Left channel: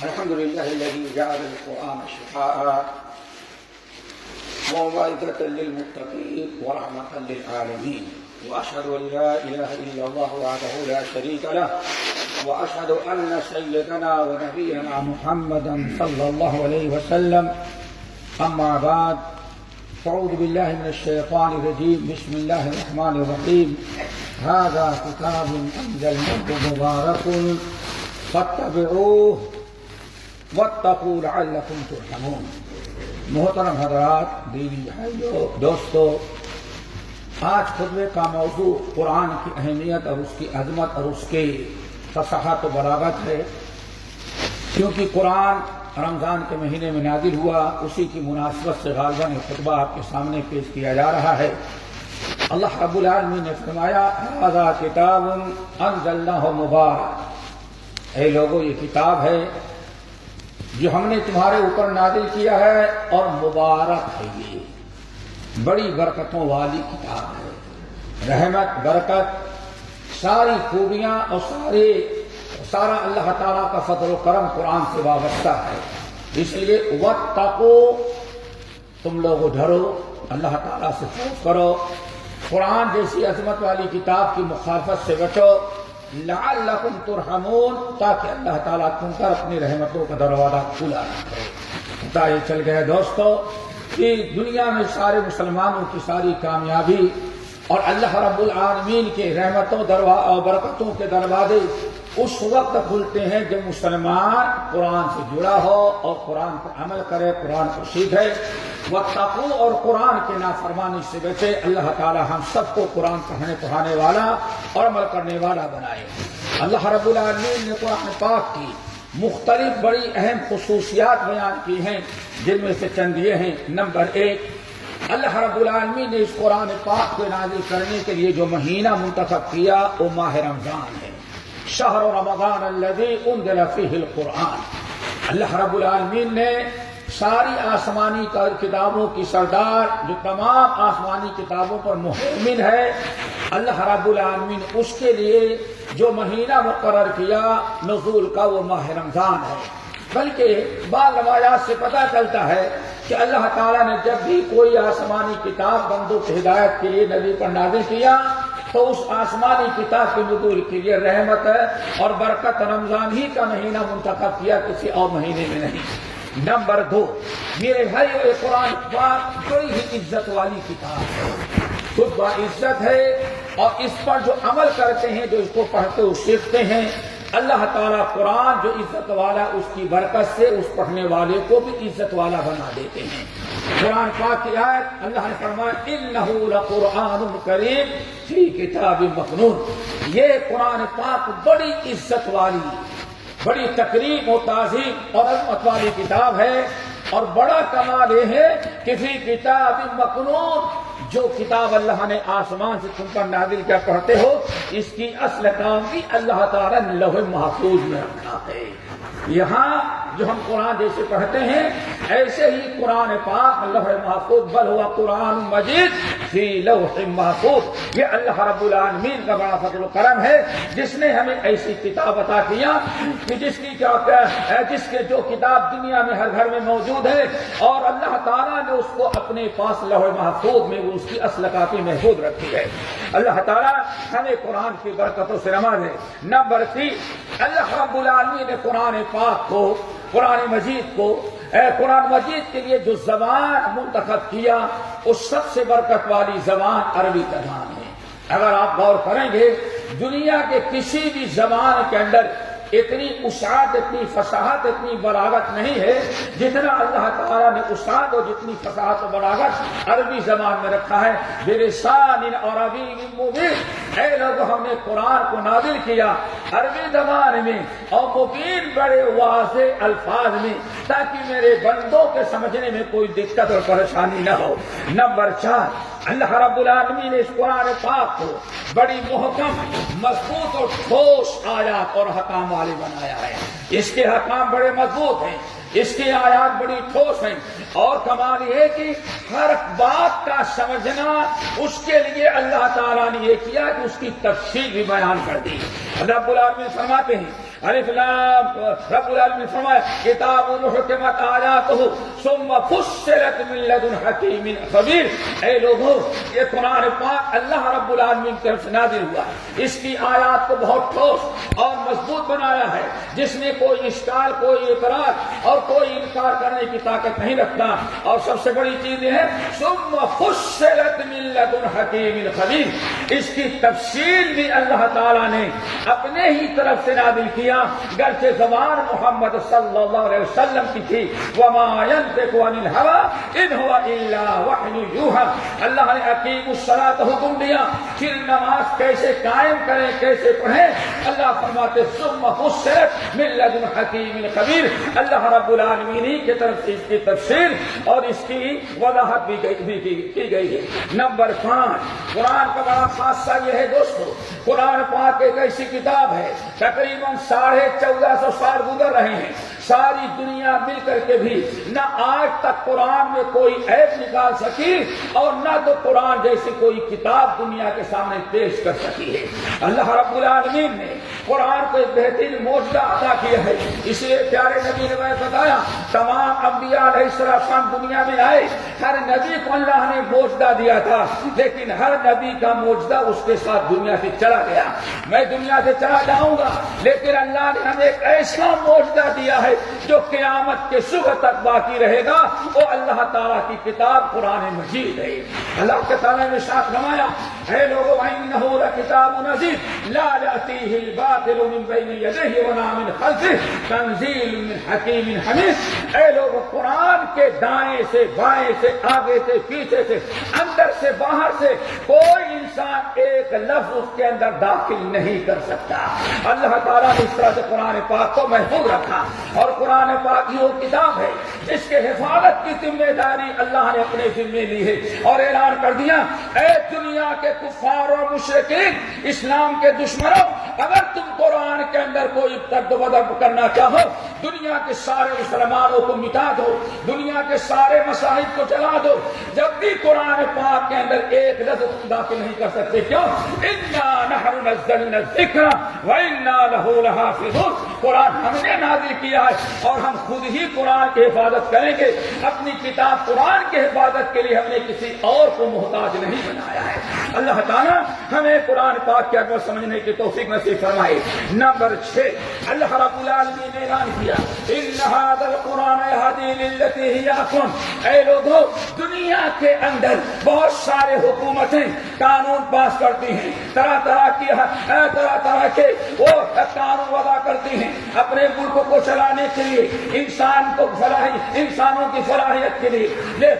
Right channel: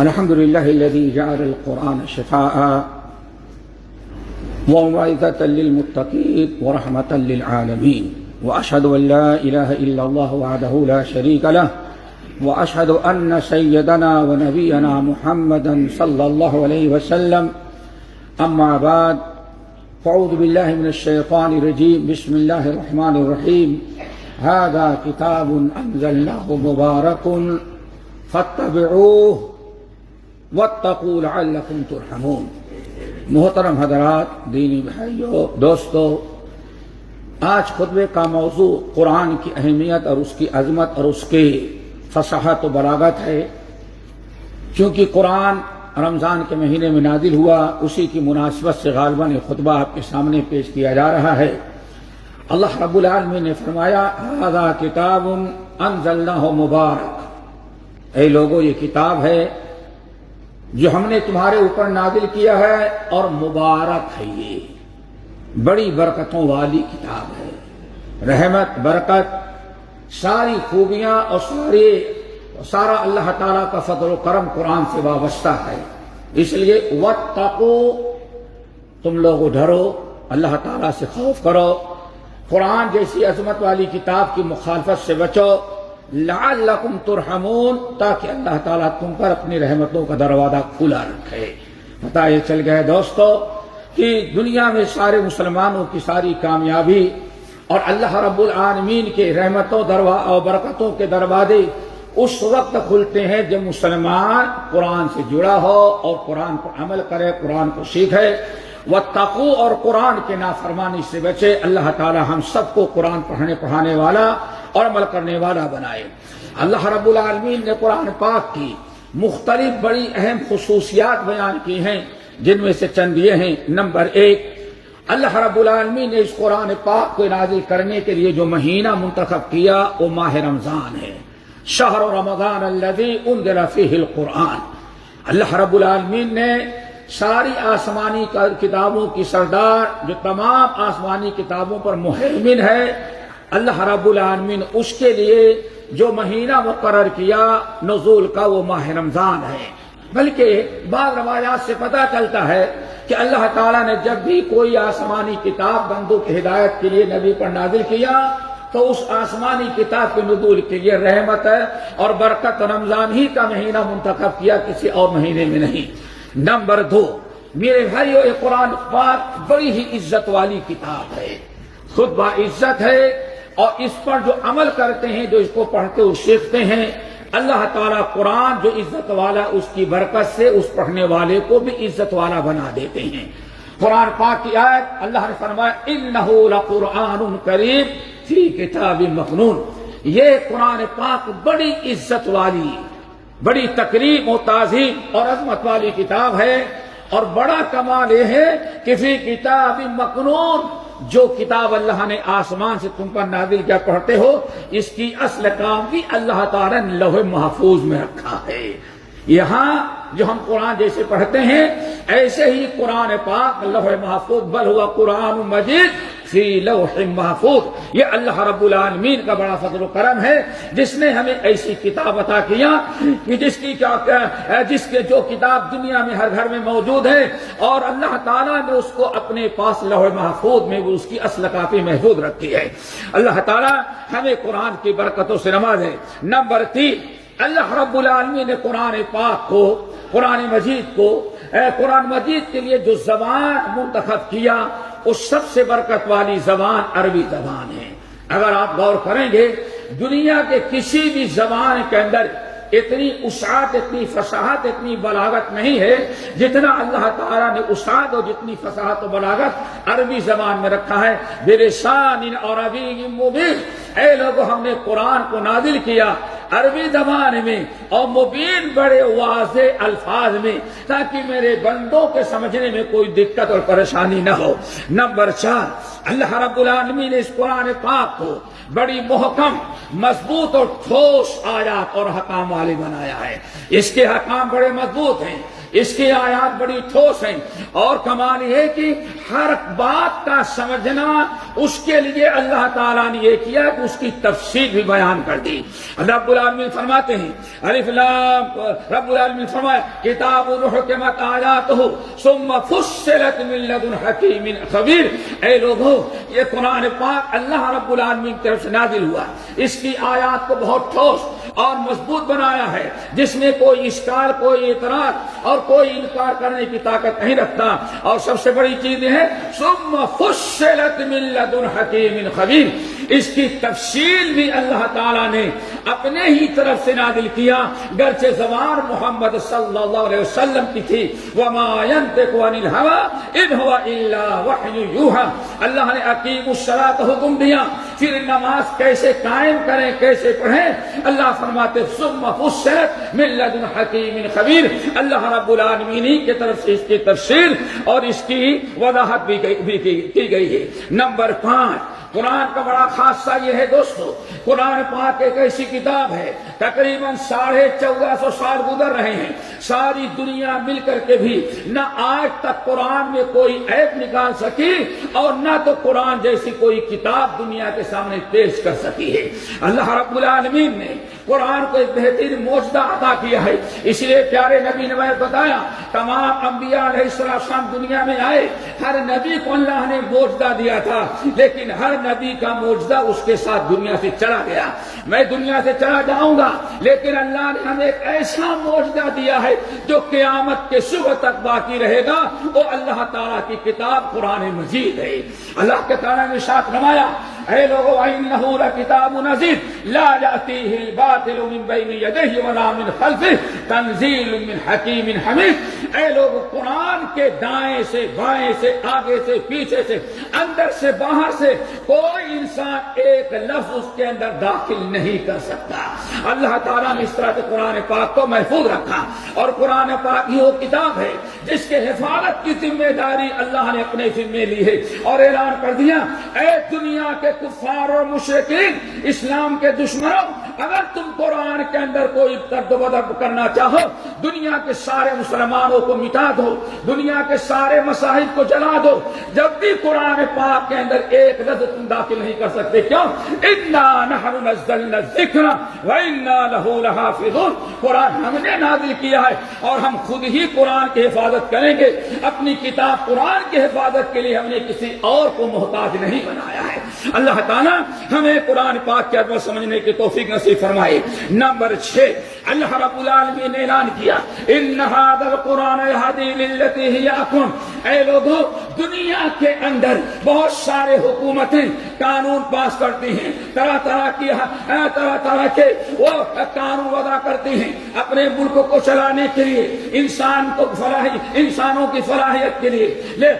الحمد لله الذي جعل القرآن شفاء وموعظة للمتقين ورحمة للعالمين، وأشهد أن لا إله إلا الله وحده لا شريك له، وأشهد أن سيدنا ونبينا محمدا صلى الله عليه وسلم. أما بعد، فأعوذ بالله من الشيطان الرجيم. بسم الله الرحمن الرحيم. هذا كتاب أنزلناه مبارك فاتبعوه واتقوا لعلكم ترحمون. محترم حضرات، دینی بھائیوں، دوستو، آج خطبے کا موضوع قرآن کی اہمیت اور اس کی عظمت اور اس کی فصاحت و بلاغت ہے. کیونکہ قرآن رمضان کے مہینے میں نازل ہوا، اسی کی مناسبت سے غالباً یہ خطبہ آپ کے سامنے پیش کیا جا رہا ہے. اللہ رب العالمین نے فرمایا، ھذا کتاب انزلناہ مبارک. اے لوگو، یہ کتاب ہے جو ہم نے تمہارے اوپر نازل کیا ہے اور مبارک ہے. یہ بڑی برکتوں والی کتاب ہے. رحمت، برکت، ساری خوبیاں اور سارا اللہ تعالیٰ کا فضل و کرم قرآن سے وابستہ ہے. اس لیے واتقوا، تم لوگ ڈرو، اللہ تعالیٰ سے خوف کرو، قرآن جیسی عظمت والی کتاب کی مخالفت سے بچو، لعلکم ترحمون، تاکہ اللہ تعالیٰ تم پر اپنی رحمتوں کا دروازہ کھلا رکھے. پتہ یہ چل گیا دوستو کہ دنیا میں سارے مسلمانوں کی ساری کامیابی اور اللہ رب العالمین کے رحمتوں اور برکتوں کے دروازے اس وقت کھلتے ہیں جب مسلمان قرآن سے جڑا ہو اور قرآن پر عمل کرے، قرآن کو سیکھے. واتقوا، اور قرآن کے نافرمانی سے بچے. اللہ تعالی ہم سب کو قرآن پڑھانے والا اور عمل کرنے والا بنائے. اللہ رب العالمین نے قرآن پاک کی مختلف بڑی اہم خصوصیات بیان کی ہیں، جن میں سے چند یہ ہیں. نمبر 1، اللہ رب العالمین نے اس قرآن پاک کو نازل کرنے کے لیے جو مہینہ منتخب کیا وہ ماہ رمضان ہے. شہر رمضان الذی انزل فیہ القرآن. اللہ رب العالمین نے ساری آسمانی کتابوں کی سردار، جو تمام آسمانی کتابوں پر مہیمن ہے، اللہ رب العالمین اس کے لیے جو مہینہ مقرر کیا نزول کا وہ ماہ رمضان ہے. بلکہ بعض روایات سے پتہ چلتا ہے کہ اللہ تعالیٰ نے جب بھی کوئی آسمانی کتاب بندوں کی ہدایت کے لیے نبی پر نازل کیا تو اس آسمانی کتاب کے نزول کے لیے رحمت اور برکت رمضان ہی کا مہینہ منتخب کیا، کسی اور مہینے میں نہیں. نمبر 2، میرے بھائیو، یہ قرآن پاک بڑی ہی عزت والی کتاب ہے، خود با عزت ہے، اور اس پر جو عمل کرتے ہیں، جو اس کو پڑھتے اور سیکھتے ہیں، اللہ تعالیٰ قرآن جو عزت والا اس کی برکت سے اس پڑھنے والے کو بھی عزت والا بنا دیتے ہیں. قرآن پاک کی آیت اللہ نے فرمایا، انہ لقرآن کریم فی کتاب مکنون. یہ قرآن پاک بڑی عزت والی، بڑی تکریم و تعظیم اور عظمت والی کتاب ہے. اور بڑا کمال یہ ہے کہ فی کتاب مکنون، جو کتاب اللہ نے آسمان سے تم پر نازل کیا پڑھتے ہو، اس کی اصل کام بھی اللہ تعالیٰ نے لوح محفوظ میں رکھا ہے. یہاں جو ہم قرآن جیسے پڑھتے ہیں، ایسے ہی قرآن پاک لوح محفوظ، بل ہوا قرآن مجید فی لوح محفوظ. یہ اللہ رب العالمین کا بڑا فضل و کرم ہے، جس نے ہمیں ایسی کتاب عطا کیا کہ جس کے جو کتاب دنیا میں ہر گھر میں موجود ہے، اور اللہ تعالیٰ نے اس کو اپنے پاس لوح محفوظ میں وہ اس کی اصل کاپی محفوظ رکھی ہے. اللہ تعالیٰ ہمیں قرآن کی برکتوں سے نوازے. نمبر 3، اللہ رب العالمین نے قرآن پاک کو، قرآن مجید کے لیے جو زبان منتخب کیا، اس سب سے برکت والی زبان عربی زبان ہے. اگر آپ غور کریں گے، دنیا کے کسی بھی زبان کے اندر اتنی وسعت، اتنی فصاحت، اتنی بلاغت نہیں ہے جتنا اللہ تعالیٰ نے وسعت اور جتنی فصاحت و بلاغت عربی زبان میں رکھا ہے. بلسان عربی مبین. اے لوگو، ہم نے قرآن کو نازل کیا عربی زبان میں اور مبین، بڑے واضح الفاظ میں، تاکہ میرے بندوں کے سمجھنے میں کوئی دقت اور پریشانی نہ ہو. نمبر 4، اللہ رب العالمین نے اس قرآن پاک کو بڑی محکم، مضبوط اور ٹھوس آیات اور حکام والے بنایا ہے۔ اس کے حکام بڑے مضبوط ہیں، اس کی آیات بڑی ٹھوس ہیں، اور کمال یہ کہ ہر بات کا سمجھنا اس کے لیے اللہ تعالیٰ نے یہ کیا کہ اس کی تفصیل بھی بیان کر دی۔ رب العالمین فرماتے ہیں الف لام، رب العالمین فرمایا کتاب حکمت آیاتہ ثم فصلت من لدن حکیم خبیر۔ اے لوگوں، یہ قرآن پاک اللہ رب العالمین کی طرف سے نازل ہوا، اس کی آیات کو بہت ٹھوس اور مضبوط بنایا ہے، جس میں کوئی اشکال، کوئی اعتراض اور کوئی انکار کرنے کی طاقت نہیں رکھتا۔ اور سب سے بڑی چیز یہ ہے ثم فصلت من لدن حکیم خبیر، اس کی تفصیل بھی اللہ تعالیٰ نے اپنے ہی طرف سے نازل کیا، گرچہ زبان محمد صلی اللہ علیہ وسلم کی تھی، وما ينطق عن الهوى ان هو الا وحی یوحى۔ اللہ نے اقیموا الصلاۃ حکم دیا، پھر نماز کیسے قائم کریں، کیسے پڑھیں، اللہ فرماتے ثم فصلت من لدن حکیم خبیر۔ اللہ رب العالمین کی طرف سے اس کی تفسیر اور اس کی وضاحت بھی کی گئی ہے۔ نمبر 5، قرآن کا بڑا خاصہ یہ ہے دوستو، قرآن پاک ایک ایسی کتاب ہے، تقریباً 1450 سال گزر رہے ہیں، ساری دنیا مل کر کے بھی نہ آج تک قرآن میں کوئی عیب نکال سکی، اور نہ تو قرآن جیسی کوئی کتاب دنیا کے سامنے پیش کر سکی ہے۔ اللہ رب العالمین نے قرآن کو ایک بہترین معجزہ عطا کیا ہے، اس لیے پیارے نبی نے بتایا تمام انبیاء علیہ السلام دنیا میں آئے، ہر نبی کو اللہ نے معجزہ دیا تھا، لیکن ہر نبی کا معجزہ اس کے ساتھ دنیا سے چلا گیا۔ میں دنیا سے چلا جاؤں گا، لیکن اللہ نے ہمیں ایک ایسا معجزہ دیا ہے جو قیامت کے صبح تک باقی رہے گا، وہ اللہ تعالیٰ کی کتاب قرآن مجید ہے۔ اللہ کے تعالیٰ نے ساتھ فرمایا اے لوگو وَإِنَّهُ لَكِتَابٌ عَزِيزٌ لَا يَأْتِيهِ الْبَاطِلُ مِن بَيْنِ يَدَيْهِ وَلَا مِنْ خَلْفِهِ تَنزِيلٌ مِّنْ حَكِيمٍ حَمِيدٍ۔ اے لوگو، قرآن کے دائیں سے، بائیں سے، آگے سے، پیچھے سے، اندر سے، باہر سے کوئی انسان ایک لفظ اس کے اندر داخل نہیں کر سکتا۔ اللہ تعالیٰ نے اس طرح سے قرآن پاک کو محفوظ رکھا، اور قرآن پاک ہی وہ کتاب ہے جس کے حفاظت کی ذمہ داری اللہ نے اپنے ذمے لی ہے، اور اعلان کر دیا اے دنیا کے کفار اور مشرکین، اسلام کے دشمنوں، اگر تم قرآن کے اندر کوئی ترد و بدل کرنا چاہو، دنیا کے سارے مسلمانوں کو مٹا دو، دنیا کے سارے مصاحف کو جلا دو، جب بھی قرآن پاک کے اندر ایک لفظ تم داخل نہیں کر سکتے۔ کیوں؟ انا نحن نزلنا الذکر وانا لہ لحافظون، قرآن ہم نے نازل کیا ہے اور ہم خود ہی قرآن کی حفاظت کریں گے۔ اپنی کتاب قرآن کی حفاظت کے لیے ہم نے کسی اور کو محتاج نہیں بنایا ہے۔ اللہ تعالیٰ ہمیں قرآن پاک کی عظمت سمجھنے کی توفیق نصیب فرمائے۔ نمبر 6، اللہ رب العالمین نے اعلان کیا ان ھذا القرآن یہدی للتی ہی اقوم۔ اے لوگوں، دنیا کے اندر بہت سارے حکومتیں قانون پاس کرتی ہیں، طرح طرح کے وہ قانون وضع کرتی ہیں اپنے ملک کو چلانے کے لیے، انسانوں کی فلاحیت کے لیے،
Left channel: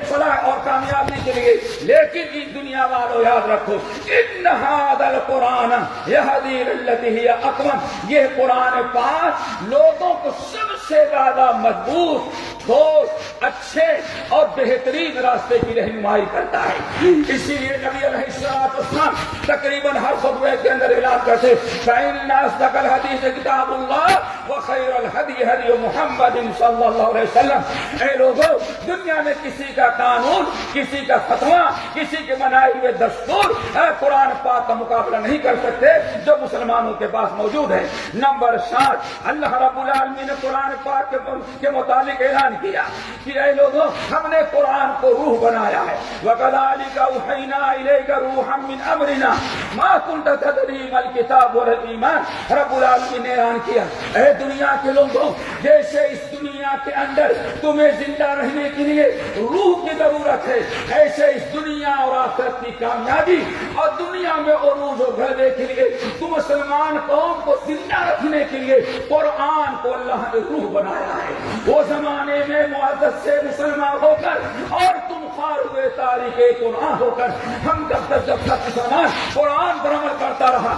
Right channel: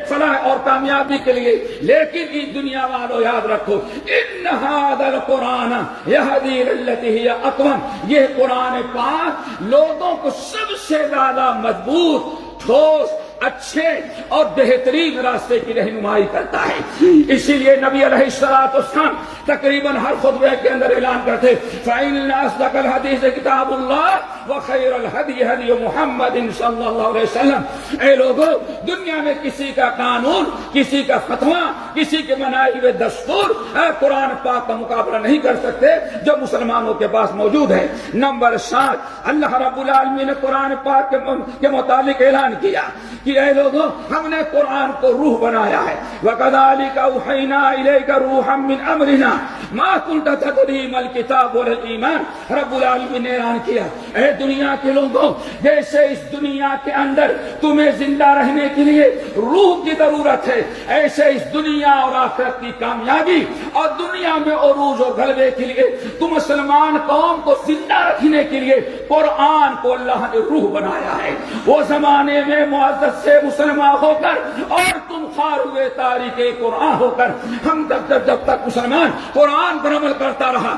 فلاح اور کامیابی کے لیے۔ لیکن اس دنیا والوں یاد رکھو ان ھذا القرآن یہدی للتی ہی اقوم، یہ قرآن پاک لوگوں کو سب سے زیادہ مضبوط، ٹھوس، اچھے اور بہترین راستے کی رہنمائی کرتا ہے۔ اسی لیے نبی علیہ السلام تقریباً ہر خطبے کے اندر اعلان کرتے فَإِنَّ أَصْدَقَ الْحَدِيثِ كِتَابُ اللَّهِ وَخَيْرَ الْهَدْيِ هَدْيُ مُحَمَّدٍ صلی اللہ علیہ وسلم۔ اے لوگوں، دنیا میں کسی کا قانون، کسی کا فتویٰ، کسی کے بنائے ہوئے دستور قرآن پاک کا مقابلہ نہیں کر سکتے جو مسلمانوں کے پاس موجود ہے۔ نمبر 7، اللہ رب العالمین نے قرآن پاک کے متعلق اعلان کیا کہ اے لوگوں، ہم نے قرآن کو روح بنایا ہے۔ وَكَذَلِكَ أَوْحَيْنَا إِلَيْكَ رُوحًا مِّنْ أَمْرِنَا مَا كُنْتَ تَدْرِي مَا الْكِتَابُ وَلَا الْإِيمَانُ۔ رب العالمین نے اعلان کیا اے دنیا کے لوگوں، جیسے اس دنیا کے اندر تمہیں زندہ رہنے کے لیے روح کی ضرورت ہے، ایسے اس دنیا اور آخرت کی کامیابی اور دنیا میں عروج و غلبے کے لیے تم مسلمان قوم کو زندہ رکھنے کے لیے قرآن کو اللہ نے روح بنایا ہے۔ وہ زمانے میں معزز سے مسلمان ہو کر اور تم خار ہوئے تاریخ قرآن ہو کر، ہم جب تک مسلمان قرآن پر عمل کرتا رہا،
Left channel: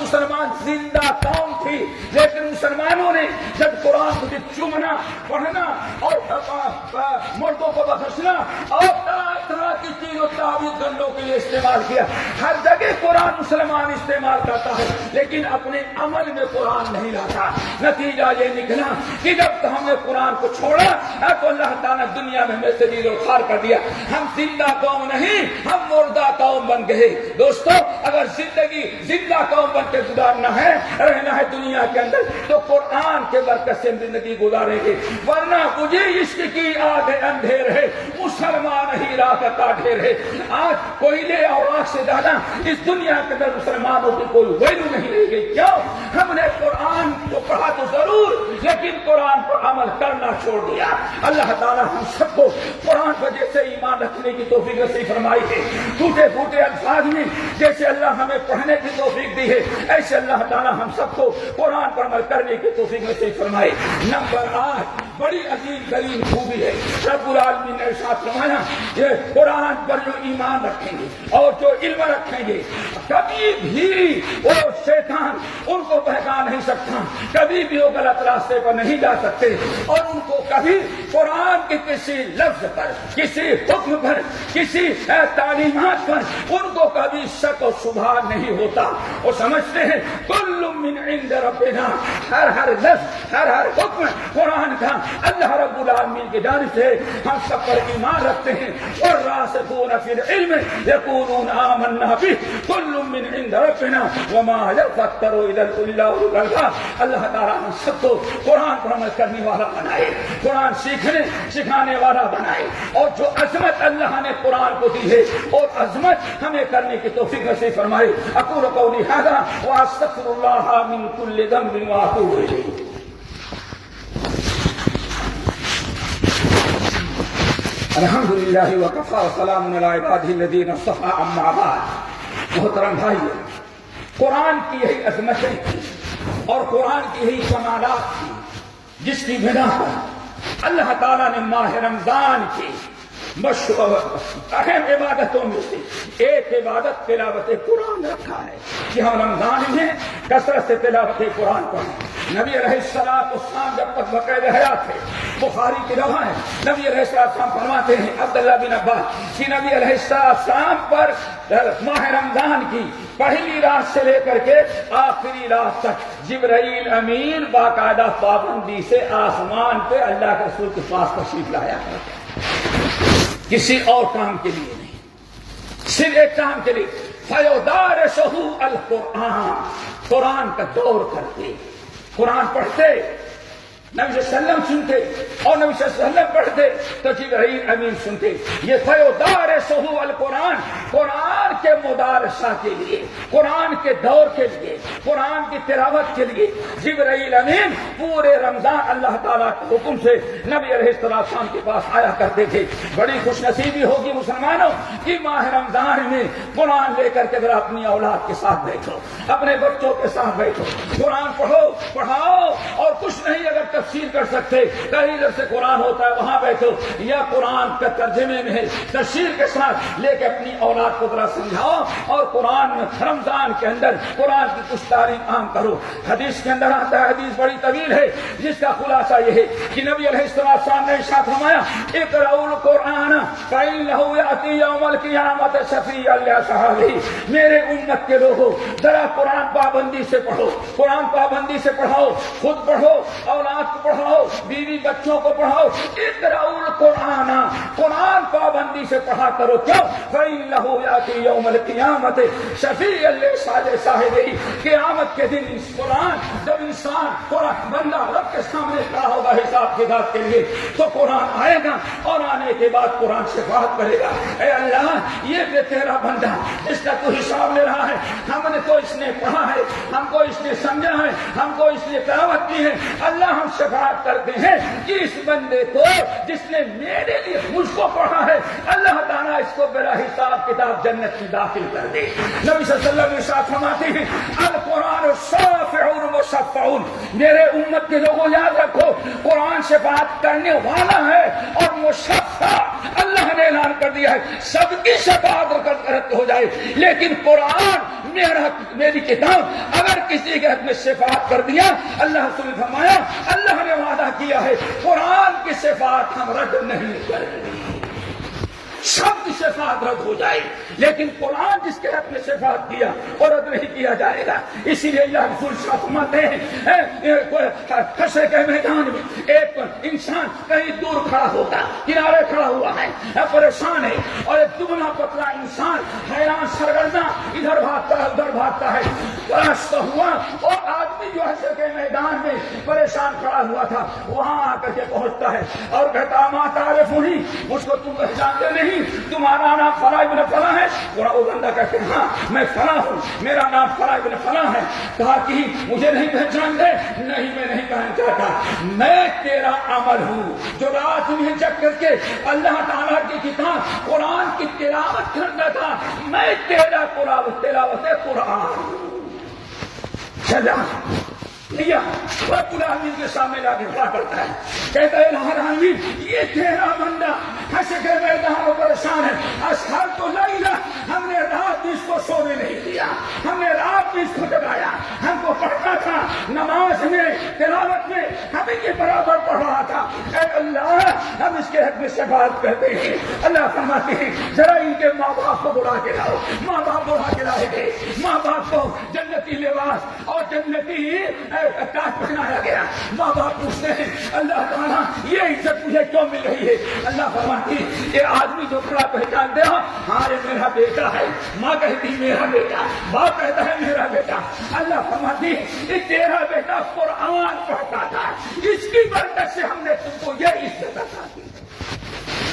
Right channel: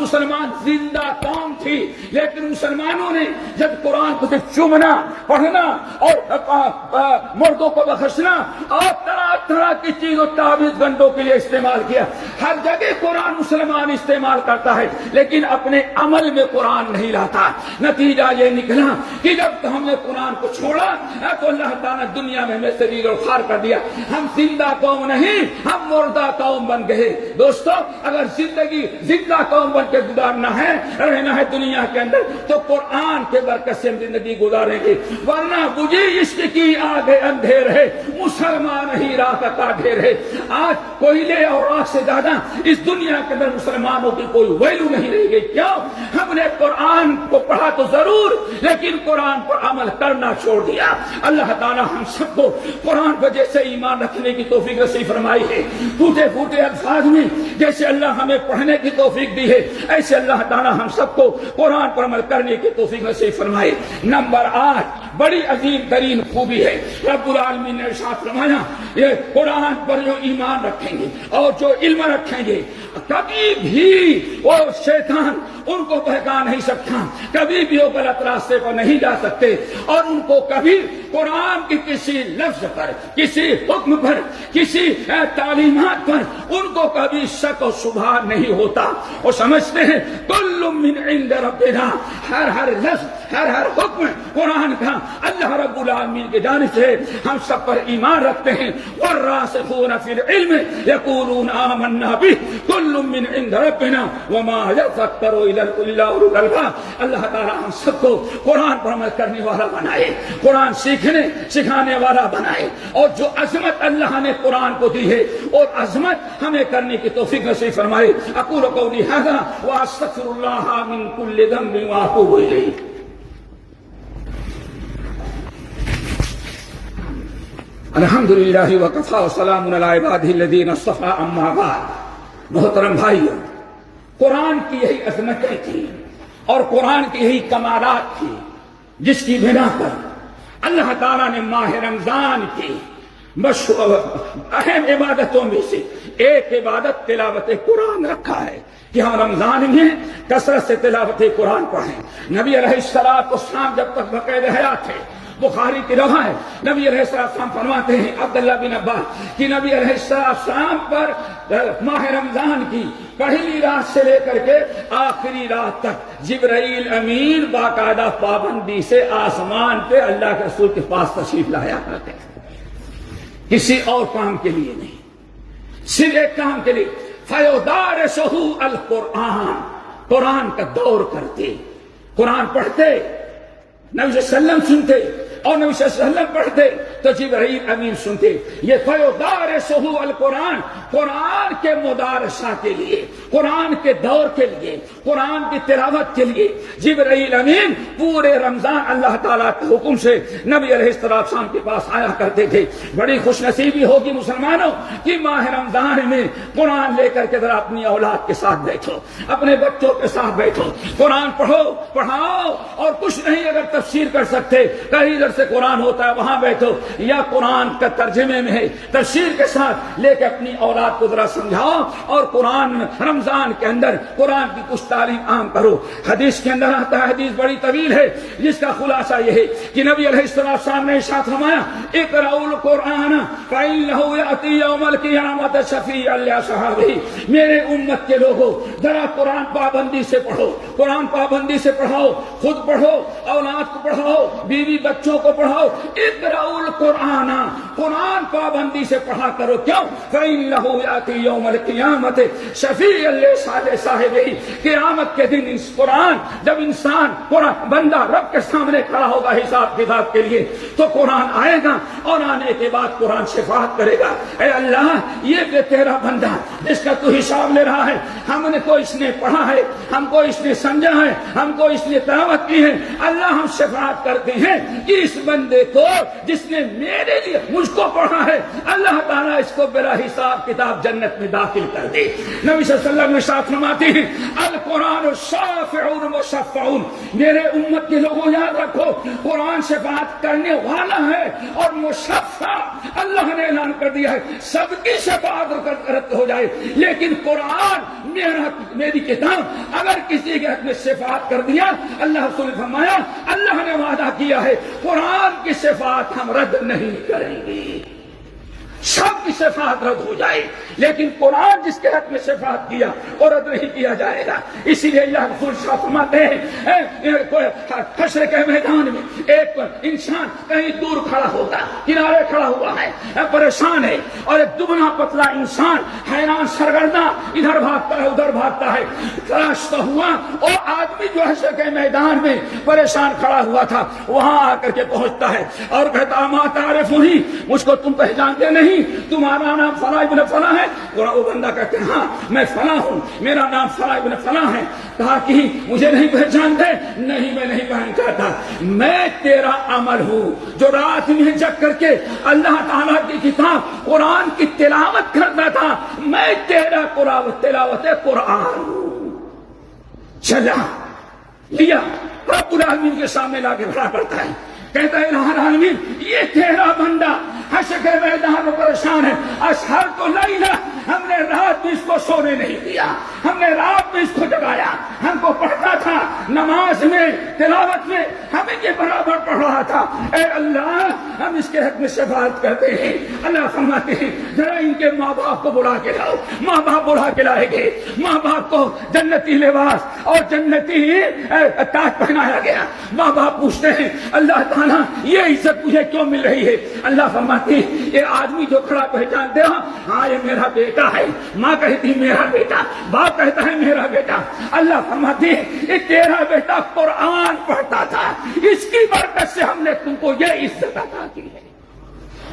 مسلمان زندہ قوم تھی، لیکن مسلمانوں نے جب قرآن کو صرف چومنا، پڑھنا اور مردوں کو بخشنا اور طرح طرح کی چیز و تعویذ گنڈوں کے لیے استعمال کیا. ہر جگہ قرآن مسلمان استعمال کرتا ہے لیکن اپنے عمل میں قرآن نہیں لاتا. نتیجہ یہ نکلا کہ جب ہم نے قرآن کو چھوڑا تو اللہ تعالیٰ دنیا میں ہمیں ذلیل و خوار کر دیا. ہم زندہ قوم نہیں, ہم مردہ قوم بن گئے. دوستو, اگر زندگی زندہ قوم بن کے گزارنا ہے, رہنا ہے دنیا کے اندر, تو قرآن کے برکت سے ہم زندگی گزاریں گے. ورنہ مجھے عشق کی آگ اندھیر ہے, مسلمان ہی راہ کا ڈھیر ہے. آج کوئلے اور آگ سے زیادہ اس دنیا کے اندر مسلمانوں کی کوئی ویلو نہیں رہ گئی. کیوں؟ ہم نے قرآن کو پڑھا تو ضرور, لیکن قرآن پر عمل کرنا چھوڑ دیا. اللہ تعالیٰ ہم سب کو قرآن پر جیسے ایمان رکھنے کی توفیق نصیب فرمائی ہے, ٹوٹے پھوٹے الفاظ میں جیسے اللہ ہمیں پڑھنے کی توفیق دی ہے, ایسے اللہ تعالیٰ ہم سب کو قرآن پر عمل کرنے کی توفیق نصیب فرمائے. نمبر 8 بڑی عظیم ترین خوبی ہے. رب العالمین نے ارشاد فرمایا, یہ قرآن پر جو ایمان رکھیں گے اور جو علم رکھیں گے, کبھی بھی وہ شیطان ان کو بہکا نہیں سکتا, کبھی بھی وہ غلط راستے پر نہیں جا سکتے, اور ان کو کبھی قرآن کے کسی لفظ پر, کسی حکم پر, کسی تعلیمات پر ان کو کبھی شک و شبہ نہیں ہوتا. وہ سمجھتے ہیں کل من عند ربنا, ہر لفظ, ہر حکم قرآن کا اللہ رب العالمین کی جانب سے, ہم سب پر ایمان رکھتے ہیں. والراسخون فی العلم یقولون آمنا به کل من عند ربنا وما یذکر الا اولو الالباب. اللہ تعالیٰ ہم سب کو قرآن پر عمل کرنے والا بنائے, قرآن سیکھنے سکھانے والا بنائے, اور جو عظمت اللہ نے قرآن کو دی ہے اور عظمت ہمیں کرنے کی توفیق نصیب فرمائے. اقول قولی ھذا واستغفر اللہ من کل ذنب واتوب الیہ. الحمد للہ وکفی وسلام علی عبادہ الذین اصطفی اما بعد. محترم بھائیو, قرآن کی یہی عظمتیں تھی اور قرآن کی یہی کمالات تھی جس کی بنا پر اللہ تعالیٰ نے ماہ رمضان کی اہم عبادتوں میں سے ایک عبادت تلاوت قرآن رکھا ہے کہ ہم رمضان میں کثرت سے تلاوت قرآن پڑھیں. نبی علیہ السلام جب تک بقید حیات تھے, بخاری کی روایت ہے, نبی علیہ السلام فرماتے ہیں, عبداللہ بن عباس, کہ نبی علیہ السلام پر ماہ رمضان کی پہلی رات سے لے کر کے آخری رات تک جبرائیل امین باقاعدہ پابندی سے آسمان پہ اللہ کے رسول کے پاس تشریف لایا کرتے ہیں, کسی اور کام کے لیے نہیں, صرف ایک کام کے لیے. فَيُدَارِسُهُ الْقُرْآنَ, قرآن کا دور کرتے, قرآن پڑھتے, نبی صلی اللہ علیہ وسلم سنتے اور نبی صلی اللہ علیہ وسلم پڑھتے تو جبرائیل امین سنتے. یہ فَيُدَارِسُهُ الْقُرْآنَ, قرآن کے مدارسہ کے لیے, قرآن کے دور کے لیے, قرآن کی تلاوت کے لیے جبرائیل امین پورے رمضان اللہ تعالیٰ کے حکم سے نبی علیہ السلام کے پاس آیا کرتے تھے. بڑی خوش نصیبی ہوگی مسلمانوں کہ ماہ رمضان میں قرآن لے کر کے ذرا اپنی اولاد کے ساتھ بیٹھو, اپنے بچوں کے ساتھ بیٹھو, قرآن پڑھو, پڑھاؤ, اور کچھ نہیں اگر تفسیر کر سکتے, کہیں ادھر سے قرآن ہوتا ہے وہاں بیٹھو, یا قرآن کا ترجمے میں ہے تفسیر کے ساتھ لے کے اپنی اولاد کو ذرا سمجھاؤ, اور قرآن رمضان کے اندر قرآن کی کچھ تعلیم عام کرو. حدیث کے اندر آتا ہے, حدیث بڑی طویل ہے جس کا خلاصہ یہ ہے کہ نبی علیہ السلام نے ارشاد فرمایا, اقرؤوا القرآن فإنه يأتي يوم القیامة شفیعا لأصحابہ. میرے امت کے لوگوں ذرا قرآن پابندی سے پڑھو, قرآن پابندی سے پڑھاؤ, خود پڑھو, اولاد کو پڑھاؤ, بیوی بچوں کو پڑھاؤ. اقرؤوا القرآن, قرآن پابندی سے پڑھا کرو. کیوں؟ فإنه يأتي يوم القیامة شفیعا لصاحبہ. قیامت کے دن اس قرآن جب انسان قرآن بندہ رب کے سامنے کھڑا ہوگا حساب کتاب کے لیے, تو قرآن آئے گا اور آنے کے بعد قرآن شفاعت کرے گا, اے اللہ یہ تیرا بندہ جس کا تو حساب لے رہا ہے, ہم نے تو اس نے پڑھا ہے, ہم کو اس نے سمجھا ہے, ہم کو اس نے تلاوت کی ہے. اللہ ہم شفاعت کرتے ہیں کہ اس بندے کو جس نے میرے لیے مجھ کو پڑھا ہے, اللہ تعالیٰ اس کو بلا حساب کتاب جنت میں داخل کر دے. نبی صلی اللہ علیہ وسلم ارشاد فرماتے ہیں, القرآن شافع مشفع. میرے امت کے لوگوں یاد رکھو, قرآن شفاعت کرنے والا ہے اور مشفع, اللہ نے اعلان کر دیا ہے سب کی شفاعت رد ہو جائے, لیکن قرآن میری کتاب اگر کسی کے حق میں شفاعت کر دیا, اللہ رسول نے فرمایا اللہ نے وعدہ کیا ہے قرآن کی شفاعت ہم رد نہیں کریں گے. سب کی شفاعت رد ہو جائے، لیکن قرآن جس کے حق میں شفاعت کیا وہ رد نہیں کیا جائے گا۔ اسی لیے اللہ رسول فرماتے ہیں حشر کے میدان میں ایک انسان کہیں دور کھڑا ہوتا ہے، کنارے کھڑا ہوا ہے، پریشان ہے، اور ایک دبنا پتلا انسان حیران سرگرداں ادھر بھاگتا ہے ادھر بھاگتا ہے، تلاشتا ہوا، اور آدمی جو حشر کے میدان میں پریشان کھڑا ہوا تھا وہاں آ کر کے پہنچتا ہے اور کہتا ما تعرفنی، مجھ کو تم پہچانتے نہیں، تمہارا نام فلاں ابن فلاں ہے؟ وہ بندہ کہتے ہیں ہاں میں فلاں ہوں، میرا نام فلاں ابن فلاں ہے۔ کہا کہ مجھے نہیں پہچانتے؟ نہیں میں نہیں پہچانتا، میں تیرا عمل ہوں جو رات میں جگ کر کے اللہ تعالیٰ کی کتاب قرآن کی تلاوت کرتا تھا، میں تیرا تلاوت قرآن چلا لیا، رب العالمین کے سامنے لا کے کھڑا کرتا ہے، کہتا ہے الہ العالمین یہ تیرا بندہ حشر کے میدان میں پریشان ہے، اسحرت لیلہ، ہم نے رات میں اس کو سونے نہیں دیا، ہم نے رات میں اس کو جگایا، ہم کو پڑھتا تھا نماز میں تلاوت میں ہمیں کے برابر پڑھ رہا تھا، اے اللہ ہم اس کے حق میں شفاعت کرتے ہیں۔ اللہ فرماتے ہیں ذرا ان کے ماں باپ کو بلا کے لاؤ، ماں باپ بلا کے لائے گئے، ماں باپ کو جنتی لباس اور جنتی تاج پہنایا گیا، ماں باپ پوچھتے ہیں اللہ تعالیٰ یہ عزت مجھے کیوں مل رہی ہے؟ اللہ فرماتی یہ آدمی جو کھڑا پہچانتے ہو ہاں یہ میرا بیٹا ہے، ماں کہتی میرا بیٹا، باپ کہتا ہے میرا بیٹا، اللہ فرماتی یہ تیرا بیٹا قرآن پڑھتا تھا، اس کی برکت سے ہم نے تم کو یہ عزت عطا کی ہے۔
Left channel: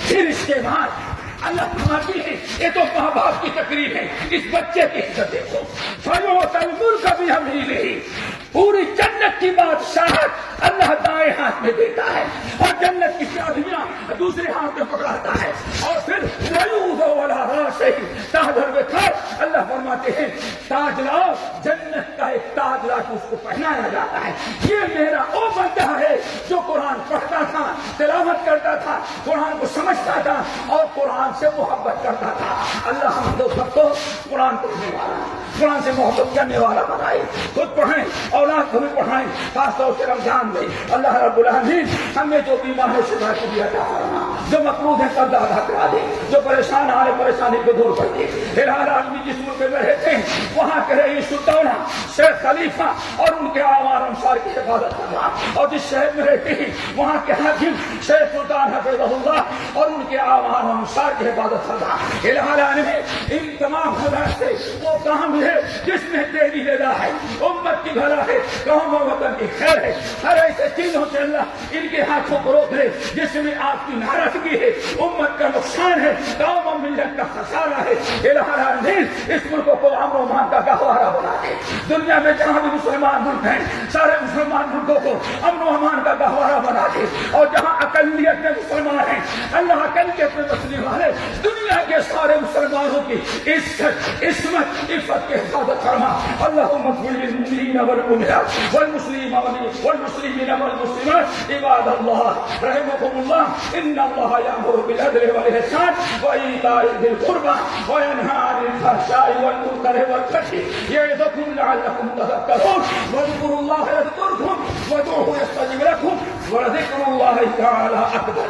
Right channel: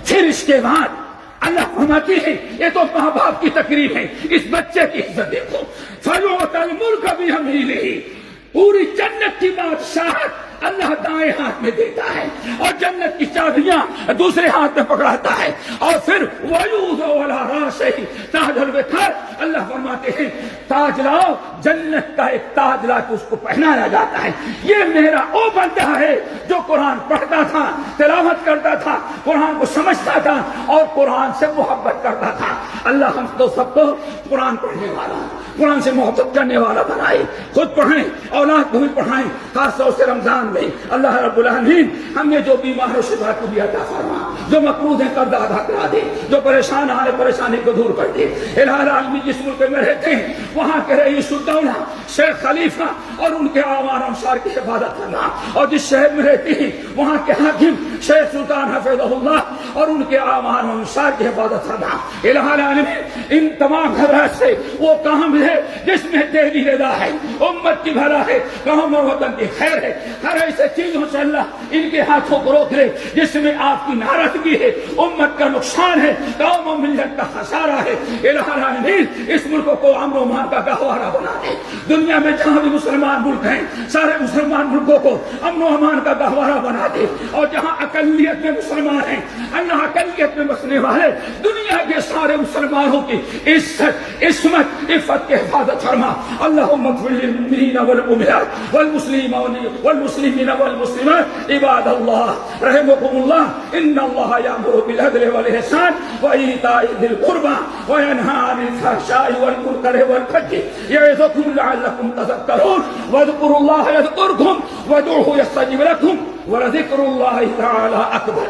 پھر اس کے بعد اللہ فرماتی ہے یہ تو ماں باپ کی تقریب ہے، اس بچے کی عزت دیکھو، فَيُؤْتَى الْمُلْكَ بِيَمِينِهِ، پوری جنت کی بادشاہت اللہ دائیں ہاتھ میں دیتا ہے اور جنت کی چابیاں دوسرے ہاتھ میں پکڑاتا ہے، اور پھر وَيُوضَعُ عَلَىٰ رَأْسِهِ تاج الوقار، اللہ فرماتے ہیں تاج لاؤ، جنت کا ایک تاج لا کے اس کو پہنایا جاتا ہے، یہ میرا وہ بندہ ہے جو قرآن پڑھتا تھا، تلاوت کرتا تھا، قرآن کو سمجھتا تھا اور قرآن سے محبت کرتا تھا۔ اللہ ہم تو سب کو قرآن پڑھنے والا، قرآن سے محبت کرنے والا بنائے، خود پڑھیں اولاد کو بھی پڑھائیں، خاص طور سے رمضان میں اللہ رب العالمین ہم نے جو بیمار ہو شفا کو بھی عطا فرما، جو مقروض ہیں قرض ادا کرا دے، جو پریشان آنے پریشانی کو دور کر دے۔ الہ العالمین جس ملک میں رہتے ہیں وہاں کے رئیس الدولہ شیخ خلیفہ اور ان کے آوان انصار کی حفاظت کرنا، اور جس شہر میں رہتے ہیں وہاں کے حاکم شیخ سلطان حفظہ اللہ اور ان کے آوان انصار کی حفاظت کرنا۔ الہ العالمین ان تمام حضرات سے وہ کام ہے جس میں تیری رضا ہے، امت کی بھلا ہے، قوم و وطن کی خیر ہے، ہر ایسے چیزوں سے اللہ ان کے ہاتھوں کو روک لے جس میں آپ کی ناراضگی ہے، امت کا نقصان ہے، قوم و ملت کا خسارہ ہے۔ الہ العالمین اس ملک کو امن و امان کا گہوارہ بنا دے، دنیا میں جہاں بھی مسلمان ملک ہیں سارے مسلمان ملکوں کو امن و امان کا گہوارہ بنا دے، اور جہاں اقلیت میں مسلمان ہیں اللہ اقلیت میں بسنے والے دنیا کے سارے مسلمانوں کی عزت عصمت عفت کی حفاظت فرما۔ اللہم اغفر للمؤمنین والمؤمنات والمسلمین والمسلمات عباد اللہ رحمکم اللہ ان اللہ یامر بالعدل والاحسان وایتاء ذی القربى وینہی عن الفحشاء والمنکر والبغی یعظکم لعلکم تذکرون واذکروا اللہ یذکرکم وادعوہ یستجب لکم ولذکر اللہ تعالی اکبر۔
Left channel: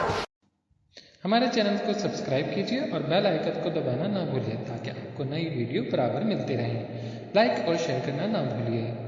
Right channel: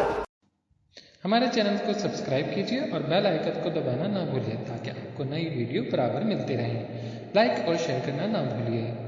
ہمارے چینل کو سبسکرائب کیجیے اور بیل آئیکن کو دبانا نہ بھولیے تاکہ آپ کو نئی ویڈیو برابر ملتی رہیں۔ لائک اور شیئر کرنا نہ بھولیے۔